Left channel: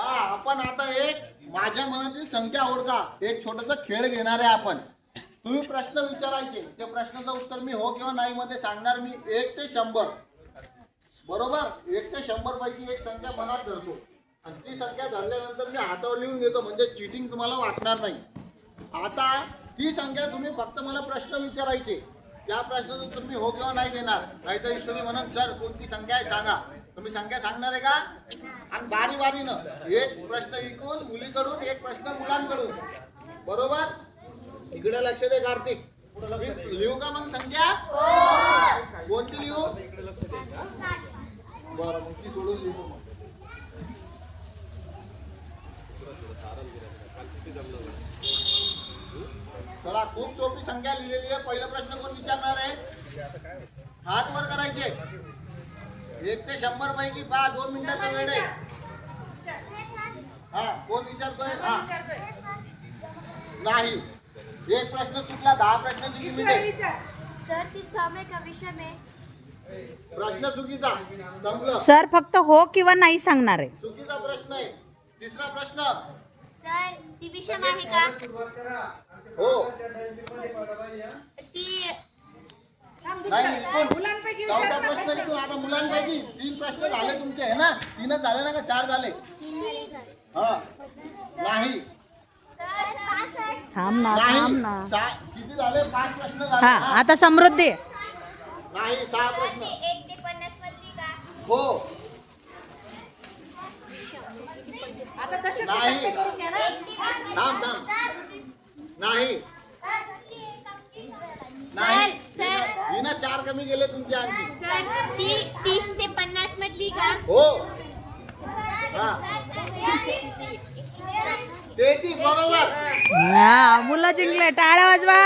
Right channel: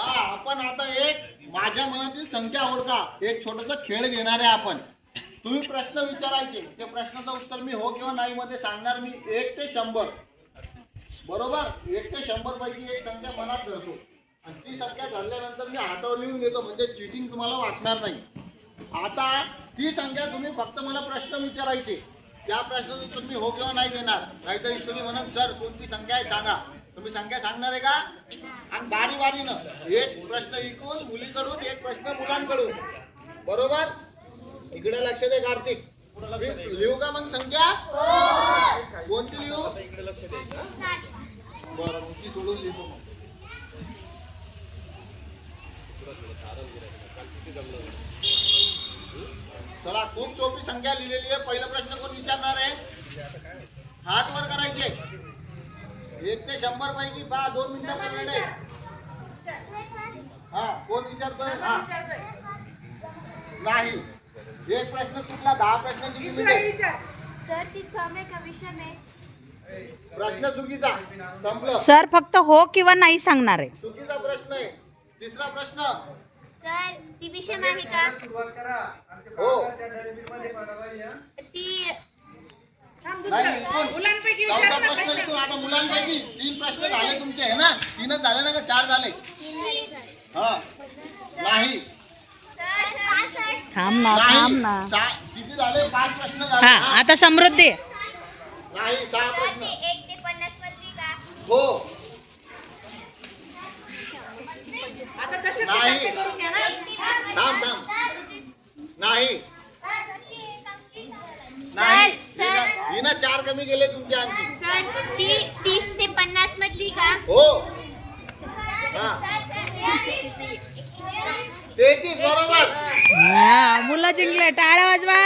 हा, आपण आता एक माझ्या मनातील संख्या ओळखा एक छोटासा खेळ घेणार आहे आपण. तुम्ही प्रश्न विचारायचे, त्या प्रश्नाचं उत्तर मी हो किंवा नाही मध्ये सांगणार. मी 1 ते 100 बरोबर 1 ते 100 पैकी एक संख्या मनात धरतो आणि ती संख्या धरल्यानंतर मी हातावर लिहून घेतो, म्हणजे चिटिंग तुम्हाला वाटणार नाही. आता ती संख्या तुम्ही फक्त मला प्रश्न विचारायचे, त्या प्रश्नाचं उत्तर मी हो किंवा नाही देणार. नाहीतर ईश्वरी म्हणून सर कोणती संख्या आहे सांगा. तुम्ही संख्या सांगणार आहे का? आणि बारी बारीनं एक प्रश्न इकडून मुलीकडून एक प्रश्न मुलांकडून. बरोबर, इकडे लक्ष दे कार्तिक. लिहू का मग संख्या? कोणती लिहू? बरं मग ती सोडून लिहितो मग. चला, खूप सोपी संख्या लिहिलेली आहे. पहिला प्रश्न कोण विचारणार आहे? हात वर करायचे. 1 ते 100 पैकी 2 मिनिटाचा वेळ आहे. हा, कोण विचारतोय? हा नाही, एक प्रश्न चुकला. 10 प्रश्नाची लिमिट आहे. सर ती समय का विषय में प्रश्न चुकीचा. संपलं. सर फक्त हो किंवा नाही सांगणार आहे. चुकीचा प्रश्न आहे. तिसरा प्रश्न. सर ती विषय आहे का? हो ती नाही, इथून 14 प्रश्न इथून. आता मुलांपैकी 3 प्रश्न झाले तुमचे आहे ना? 3च झाले ना का 4 झाले? हा, नाही थांब ना थांब ना. किती झाले? 5 प्रश्न झाले. हा, आता समृद्धी. नाही, 6 प्रश्न. 1 ते 50 मधली का? हो नाही. थांब थांब. नाही नाही, हिना 4 कमी गेले तुमचे आणखी. सर ती 30 ते 50 मधली का? हो हा, 33 बरोबर. हा, मुलं जिंकले, टाळ्या वाजवा.